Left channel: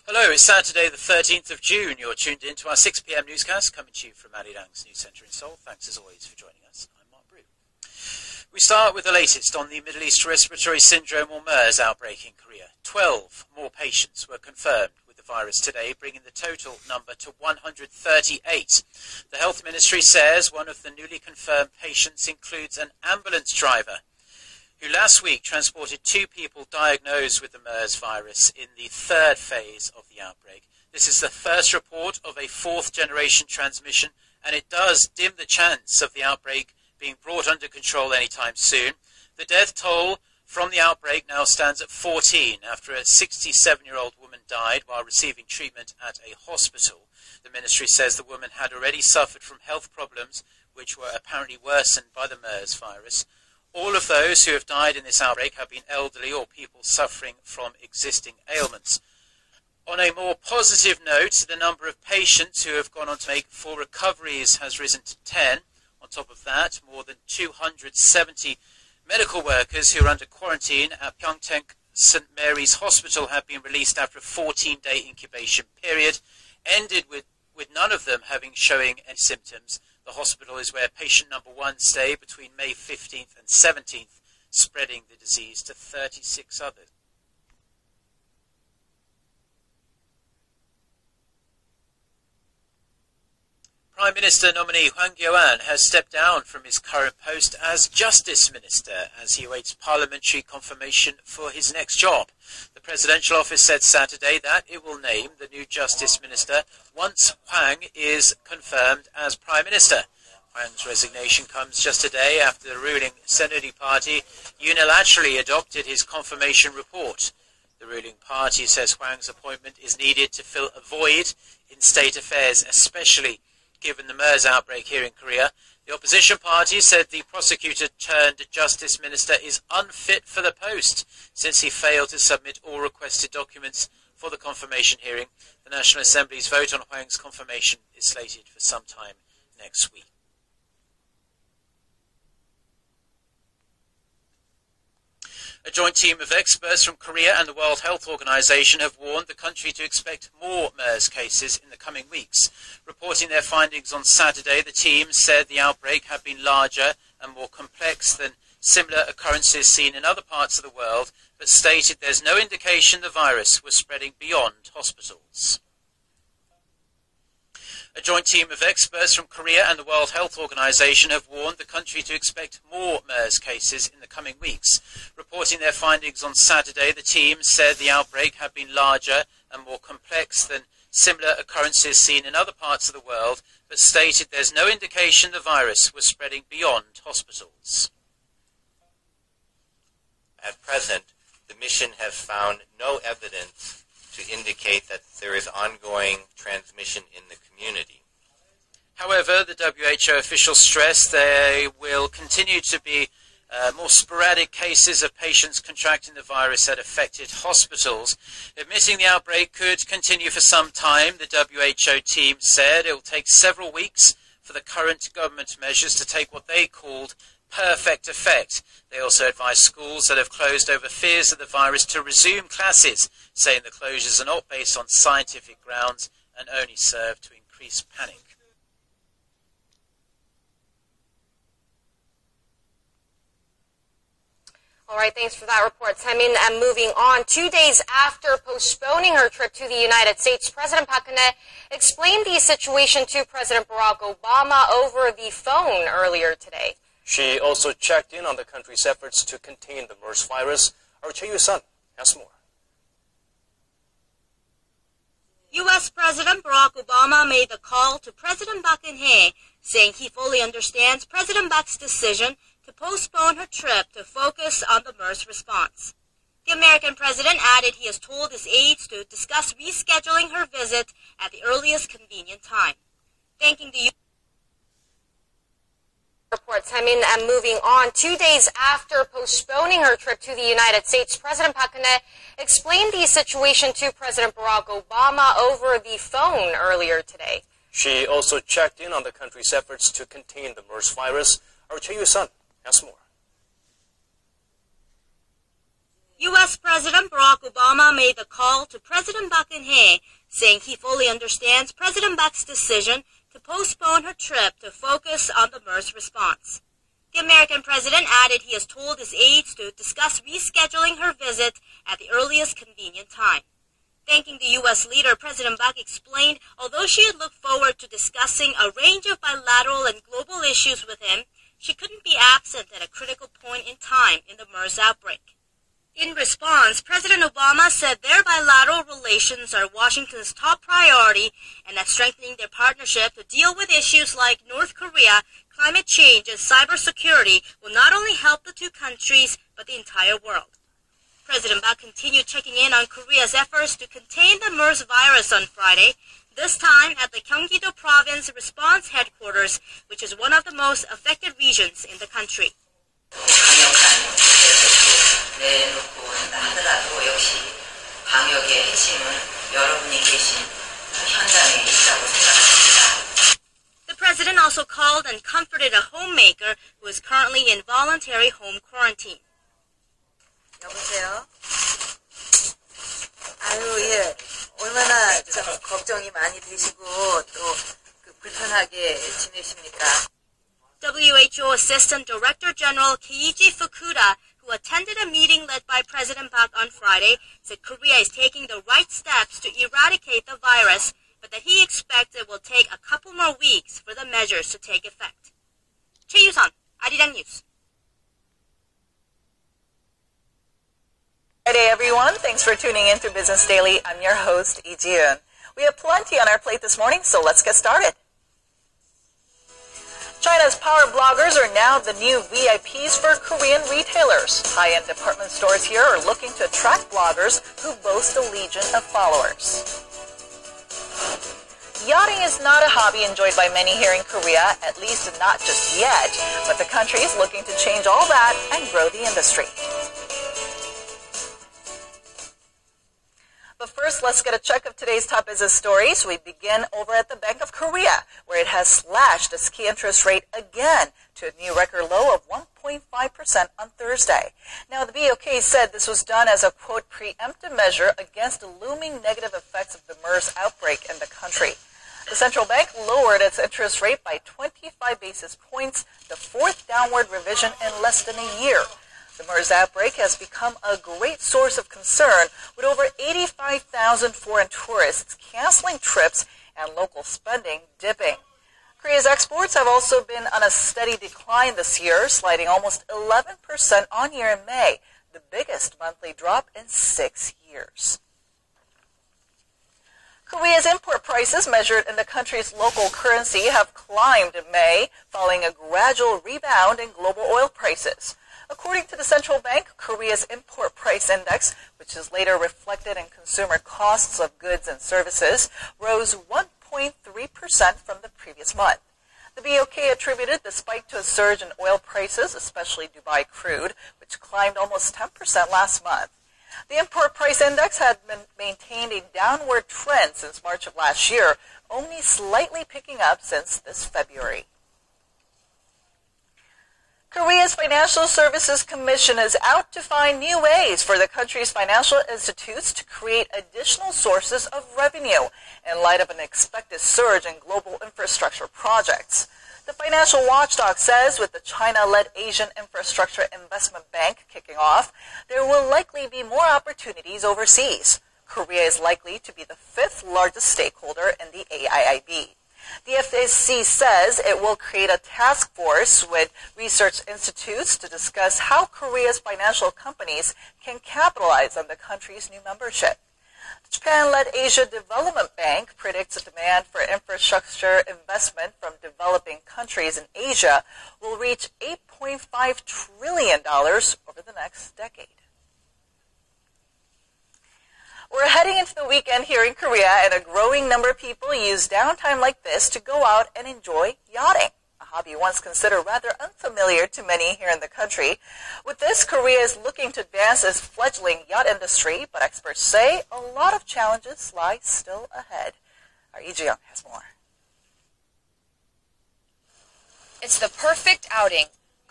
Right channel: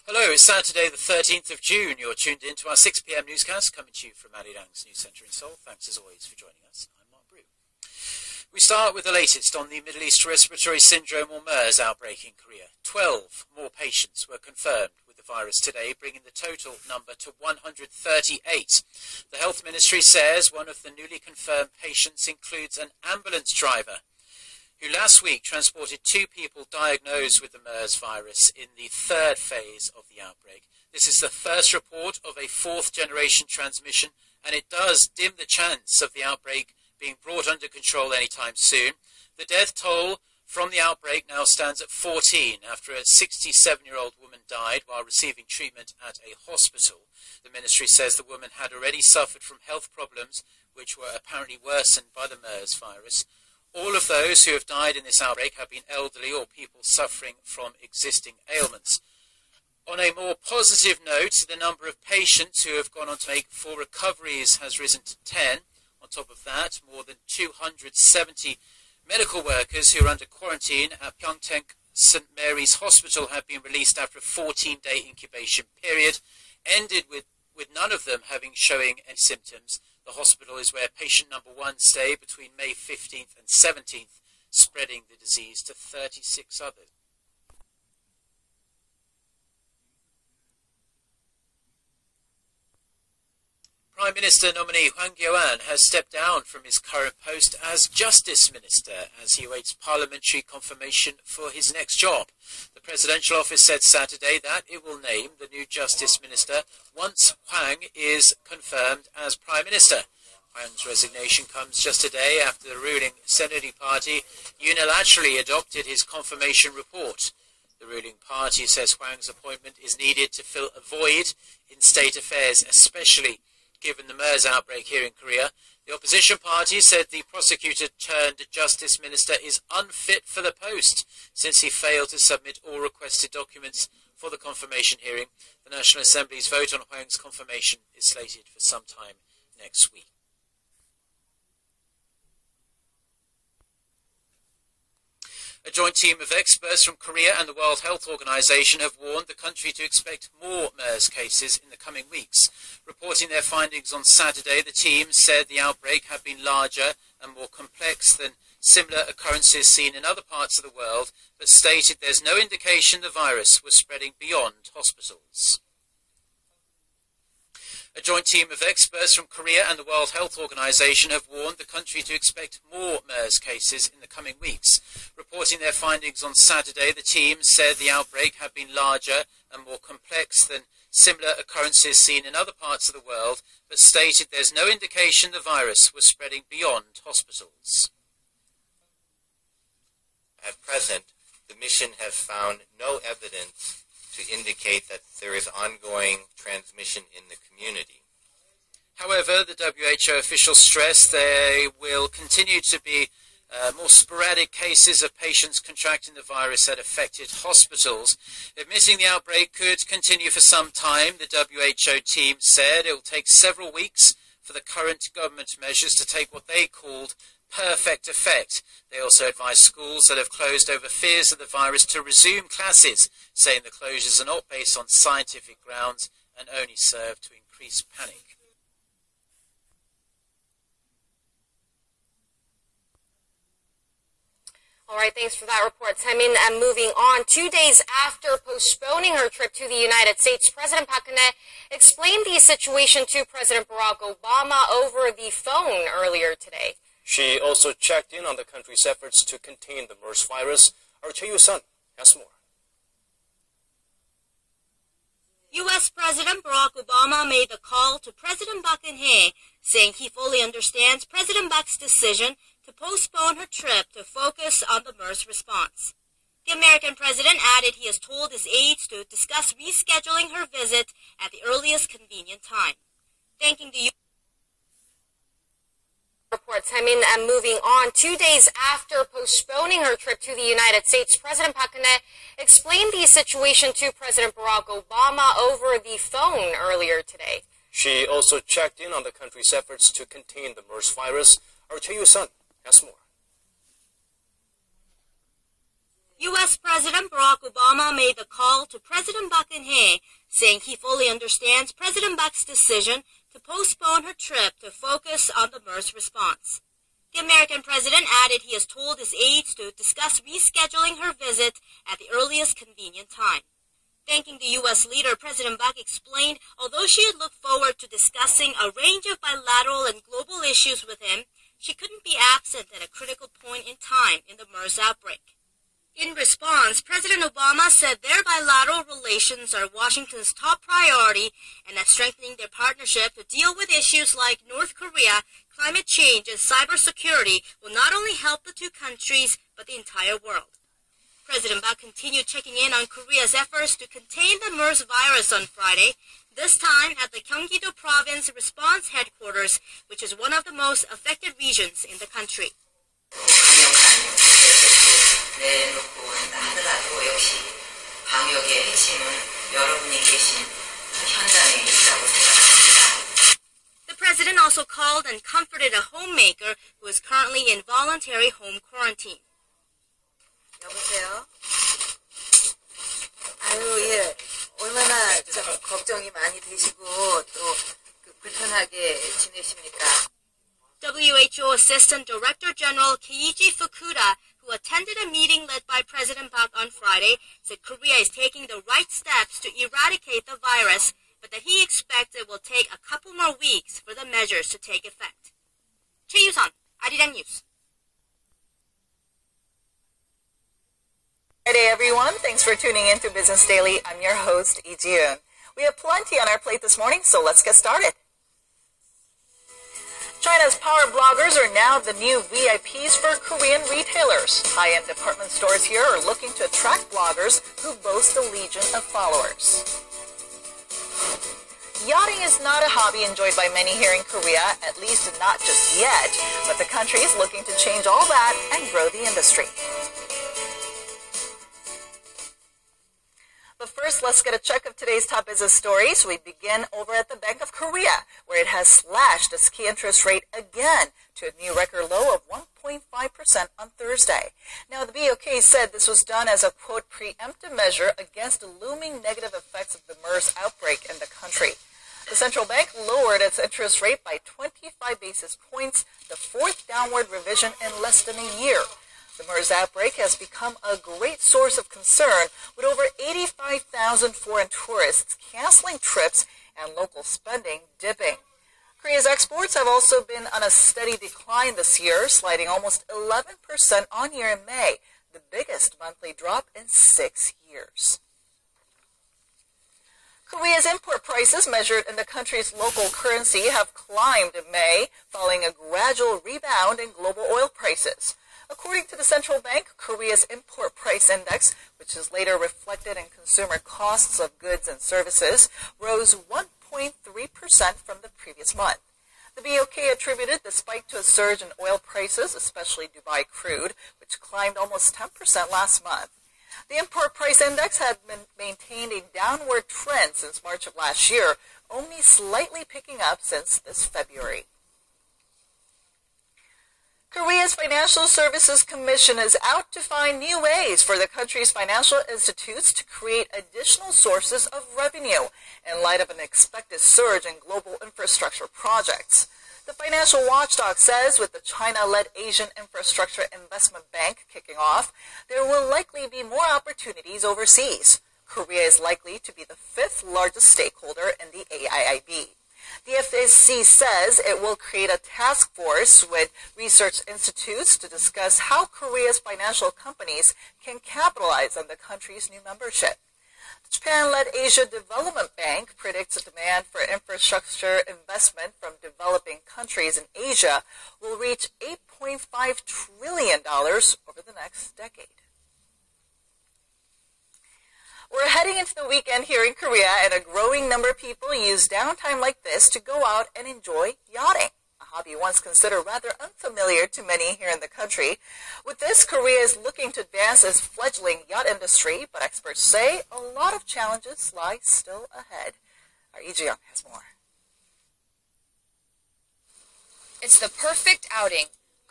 Hello, it's Saturday the 13th of June. You're tuned in to our 6 p.m. newscast coming to you from Arirang's News Centre in Seoul. Thanks as always for joining us. I'm Mark Brew. We start with the latest on the Middle East Respiratory Syndrome or MERS outbreak in Korea. 12 more patients were confirmed with the virus today, bringing the total number to 138. The Health Ministry says one of the newly confirmed patients includes an ambulance driver who last week transported 2 people diagnosed with the MERS virus in the third phase of the outbreak. This is the first report of a fourth-generation transmission, and it does dim the chance of the outbreak being brought under control anytime soon. The death toll from the outbreak now stands at 14 after a 67-year-old woman died while receiving treatment at a hospital. The ministry says the woman had already suffered from health problems, which were apparently worsened by the MERS virus. All of those who have died in this outbreak have been elderly or people suffering from existing ailments. On a more positive note, the number of patients who have gone on to make full recoveries has risen to 10. On top of that, more than 270 medical workers who are under quarantine at Pyeongtaek St. Mary's Hospital have been released after a 14-day incubation period, ended with none of them showing any symptoms. The hospital is where patient number 1 stayed between May 15th and 17th, spreading the disease to 36 others. Prime Minister nominee Hwang has stepped down from his current post as Justice Minister as he awaits parliamentary confirmation for his next job. The presidential office said Saturday that it will name the new Justice Minister once Hwang is confirmed as Prime Minister. Hwang's resignation comes just a day after the ruling Saenuri Party unilaterally adopted his confirmation report. The ruling party says Hwang's appointment is needed to fill a void in state affairs, especially given the MERS outbreak here in Korea. The opposition party said the prosecutor-turned-justice minister is unfit for the post since he failed to submit all requested documents for the confirmation hearing. The National Assembly's vote on Hwang's confirmation is slated for sometime next week. A joint team of experts from Korea and the World Health Organization have warned the country to expect more MERS cases in the coming weeks. Reporting their findings on Saturday, the team said the outbreak had been larger and more complex than similar occurrences seen in other parts of the world, but stated there's no indication the virus was spreading beyond hospitals. A joint team of experts from Korea and the World Health Organization have warned the country to expect more MERS cases in the coming weeks. Reporting their findings on Saturday, the team said the outbreak had been larger and more complex than similar occurrences seen in other parts of the world, but stated there's no indication the virus was spreading beyond hospitals. At present, the mission has found no evidence to indicate that there is ongoing transmission in the community. However, the WHO officials stress there will continue to be more sporadic cases of patients contracting the virus at affected hospitals. Admitting the outbreak could continue for some time, the WHO team said it will take several weeks for the current government measures to take what they called perfect effect. They also advised schools that have closed over fears of the virus to resume classes, saying the closures are not based on scientific grounds and only serve to increase panic. All right, thanks for that report, Taemin. And moving on, 2 days after postponing her trip to the United States, President Park Geun-hye explained the situation to President Barack Obama over the phone earlier today. She also checked in on the country's efforts to contain the MERS virus. Our Choi Yu-sun has more. U.S. President Barack Obama made a call to President Park Geun-hye, saying he fully understands President Park's decision to postpone her trip to focus on the MERS response. The American president added he has told his aides to discuss rescheduling her visit at the earliest convenient time. Thanking the reports. And moving on, 2 days after postponing her trip to the United States, President Park Geun-hye explained the situation to President Barack Obama over the phone earlier today. She also checked in on the country's efforts to contain the MERS virus. Our Choi Yu-sun has more. U.S. President Barack Obama made the call to President Park Geun-hye, saying he fully understands President Park's decision to postpone her trip to focus on the MERS response. The American president added he has told his aides to discuss rescheduling her visit at the earliest convenient time. Thanking the U.S. leader, President Park explained although she had looked forward to discussing a range of bilateral and global issues with him, she couldn't be absent at a critical point in time in the MERS outbreak. In response, President Obama said their bilateral relations are Washington's top priority and that strengthening their partnership to deal with issues like North Korea, climate change, and cybersecurity will not only help the two countries, but the entire world. President Park continued checking in on Korea's efforts to contain the MERS virus on Friday, this time at the Gyeonggi-do Province Response Headquarters, which is one of the most affected regions in the country. 강력한 대책도 내놓고 한다 하더라도 역시 방역의 핵심은 여러분이 계신 현장에 있다고 생각합니다. The president also called and comforted a homemaker who is currently in voluntary home quarantine. 여보세요? 아유, 예. 얼마나 좀 걱정이 많이 되시고 또 불편하게 지내십니까? WHO Assistant Director General Keiji Fukuda, who attended a meeting led by President Park on Friday, said Korea is taking the right steps to eradicate the virus, but that he expects it will take a couple more weeks for the measures to take effect. 최유선, 아리랑 뉴스. Good day, everyone. Thanks for tuning in to Business Daily. I'm your host, Lee Ji-eun. We have plenty on our plate this morning, so let's get started. China's power bloggers are now the new VIPs for Korean retailers. High-end department stores here are looking to attract bloggers who boast a legion of followers. Yachting is not a hobby enjoyed by many here in Korea, at least not just yet, but the country is looking to change all that and grow the industry. But first, let's get a check of today's top business stories. We begin over at the Bank of Korea, where it has slashed its key interest rate again to a new record low of 1.5% on Thursday. Now, the BOK said this was done as a, quote, preemptive measure against the looming negative effects of the MERS outbreak in the country. The central bank lowered its interest rate by 25 basis points, the fourth downward revision in less than a year. The MERS outbreak has become a great source of concern, with over 85,000 foreign tourists canceling trips and local spending dipping. Korea's exports have also been on a steady decline this year, sliding almost 11% on year in May, the biggest monthly drop in 6 years. Korea's import prices measured in the country's local currency have climbed in May, following a gradual rebound in global oil prices. According to the central bank, Korea's import price index, which is later reflected in consumer costs of goods and services, rose 1.3% from the previous month. The BOK attributed the spike to a surge in oil prices, especially Dubai crude, which climbed almost 10% last month. The import price index had been maintained a downward trend since March of last year, only slightly picking up since this February. Korea's Financial Services Commission is out to find new ways for the country's financial institutes to create additional sources of revenue in light of an expected surge in global infrastructure projects. The financial watchdog says with the China-led Asian Infrastructure Investment Bank kicking off, there will likely be more opportunities overseas. Korea is likely to be the fifth largest stakeholder in the AIIB. The FSC says it will create a task force with research institutes to discuss how Korea's financial companies can capitalize on the country's new membership. The Japan-led Asia Development Bank predicts the demand for infrastructure investment from developing countries in Asia will reach $8.5 trillion over the next decade. We're heading into the weekend here in Korea, and a growing number of people use downtime like this to go out and enjoy yachting, a hobby once considered rather unfamiliar to many here in the country. With this, Korea is looking to advance its fledgling yacht industry, but experts say a lot of challenges lie still ahead. Our Lee Ji-young has more. It's the perfect outing.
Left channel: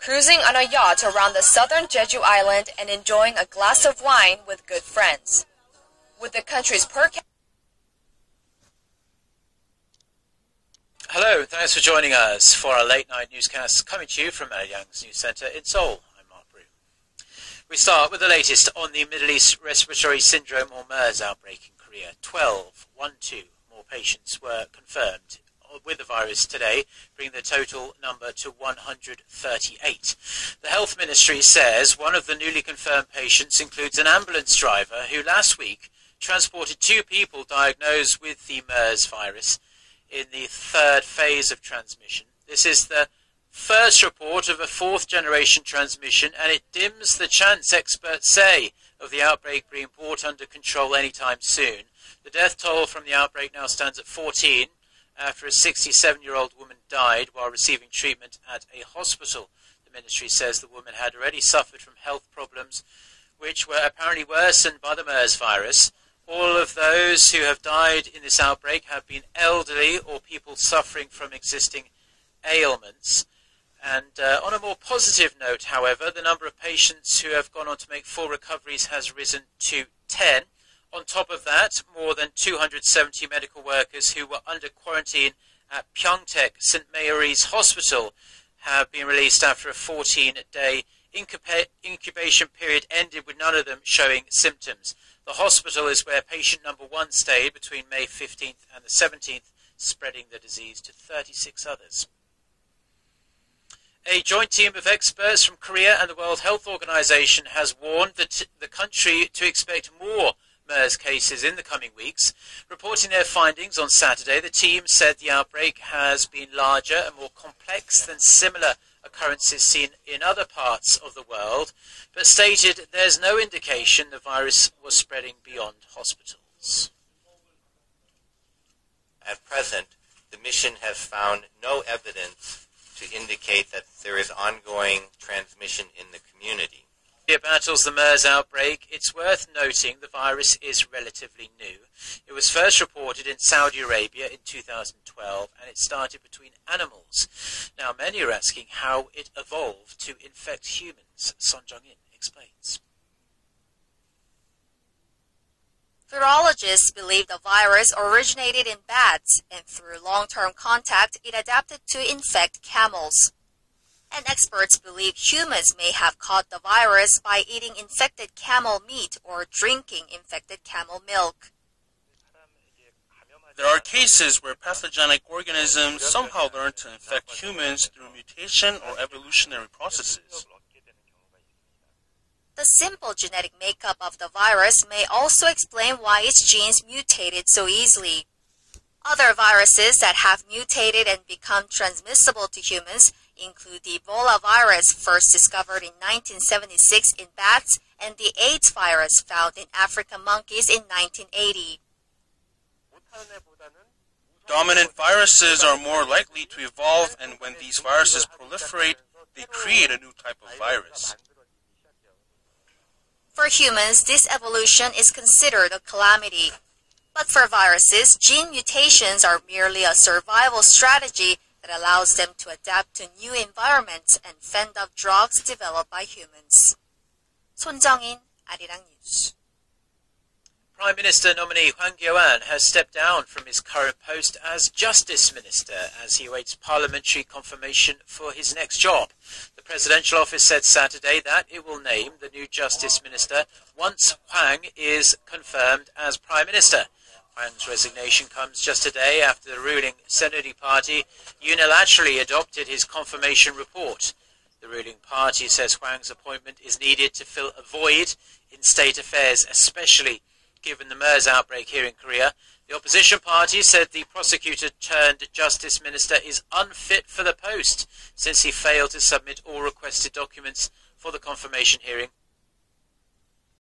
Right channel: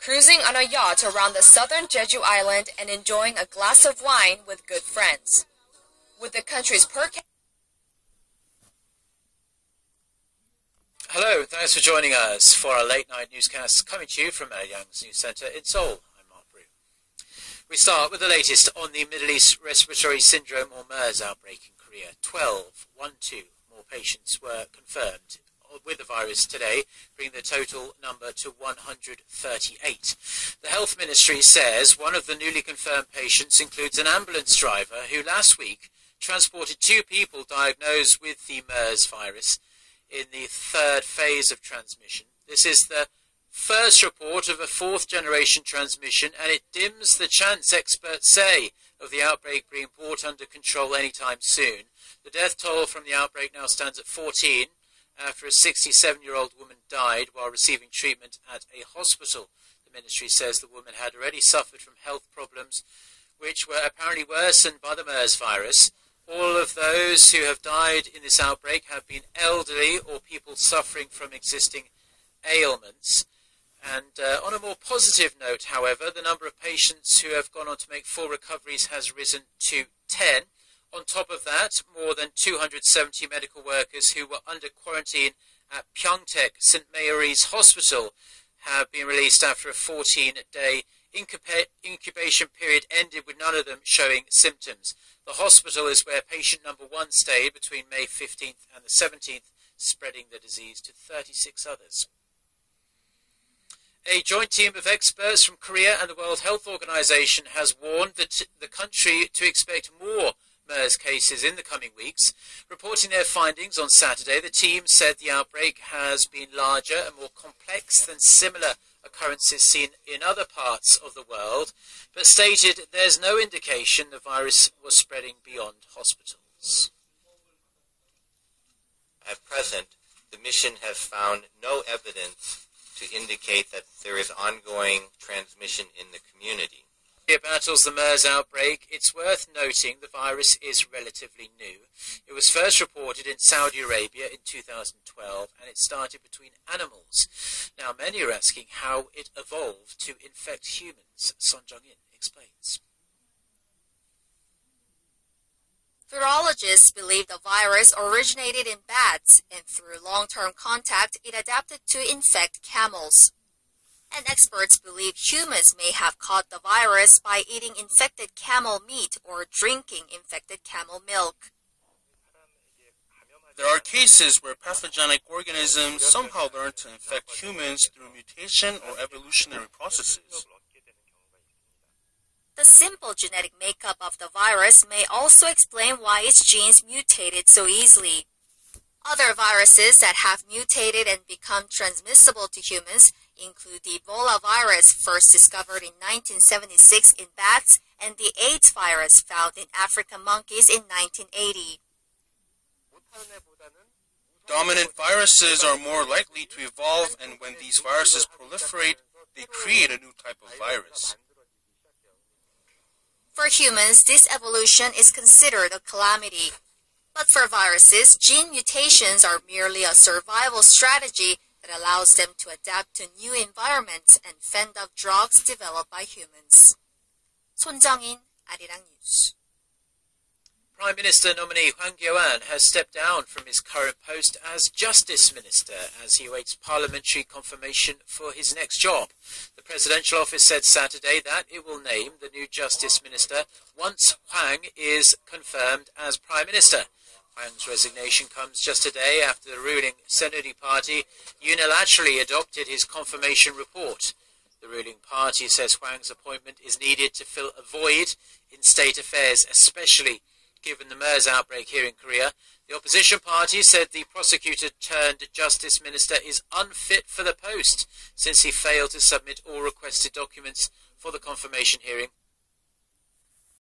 cruising on a yacht around the southern Jeju Island and enjoying a glass of wine with good friends. With the country's per capita... Hello, thanks for joining us for our late night newscast coming to you from Arirang's News Centre in Seoul. I'm Mark Brew. We start with the latest on the Middle East Respiratory Syndrome or MERS outbreak in Korea. 12 more patients were confirmed with the virus today, bringing the total number to 138. The Health Ministry says one of the newly confirmed patients includes an ambulance driver who last week transported 2 people diagnosed with the MERS virus in the third phase of transmission. This is the first report of a 4th generation transmission, and it dims the chance, experts say, of the outbreak being brought under control anytime soon. The death toll from the outbreak now stands at 14 after a 67-year-old woman died while receiving treatment at a hospital. The ministry says the woman had already suffered from health problems which were apparently worsened by the MERS virus. All of those who have died in this outbreak have been elderly or people suffering from existing ailments. And on a more positive note, however, the number of patients who have gone on to make full recoveries has risen to 10. On top of that, more than 270 medical workers who were under quarantine at Pyeongtaek St. Mary's Hospital have been released after a 14-day incubation period ended with none of them showing symptoms. The hospital is where patient number 1 stayed between May 15th and the 17th, spreading the disease to 36 others. A joint team of experts from Korea and the World Health Organization has warned the country to expect more MERS cases in the coming weeks. Reporting their findings on Saturday, the team said the outbreak has been larger and more complex than similar occurrences seen in other parts of the world, but stated there's no indication the virus was spreading beyond hospitals. At present, the mission has found no evidence to indicate that there is ongoing transmission in the community. It battles the MERS outbreak. It's worth noting the virus is relatively new. It was first reported in Saudi Arabia in 2012, and it started between animals. Now, many are asking how it evolved to infect humans. Son Jung-in explains. Virologists believe the virus originated in bats, and through long-term contact, it adapted to infect camels. And experts believe humans may have caught the virus by eating infected camel meat or drinking infected camel milk. There are cases where pathogenic organisms somehow learn to infect humans through mutation or evolutionary processes. The simple genetic makeup of the virus may also explain why its genes mutated so easily. Other viruses that have mutated and become transmissible to humans include the Ebola virus first discovered in 1976 in bats and the AIDS virus found in African monkeys in 1980. Dominant viruses are more likely to evolve, and when these viruses proliferate, they create a new type of virus. For humans, this evolution is considered a calamity. But for viruses, gene mutations are merely a survival strategy that allows them to adapt to new environments and fend off drugs developed by humans. Son Jung-in, Arirang News. Prime Minister nominee Hwang has stepped down from his current post as Justice Minister as he awaits parliamentary confirmation for his next job. The presidential office said Saturday that it will name the new Justice Minister once Hwang is confirmed as Prime Minister. Hwang's resignation comes just a day after the ruling Saenuri Party unilaterally adopted his confirmation report. The ruling party says Hwang's appointment is needed to fill a void in state affairs, especially given the MERS outbreak here in Korea. The opposition party said the prosecutor-turned-justice minister is unfit for the post since he failed to submit all requested documents for the confirmation hearing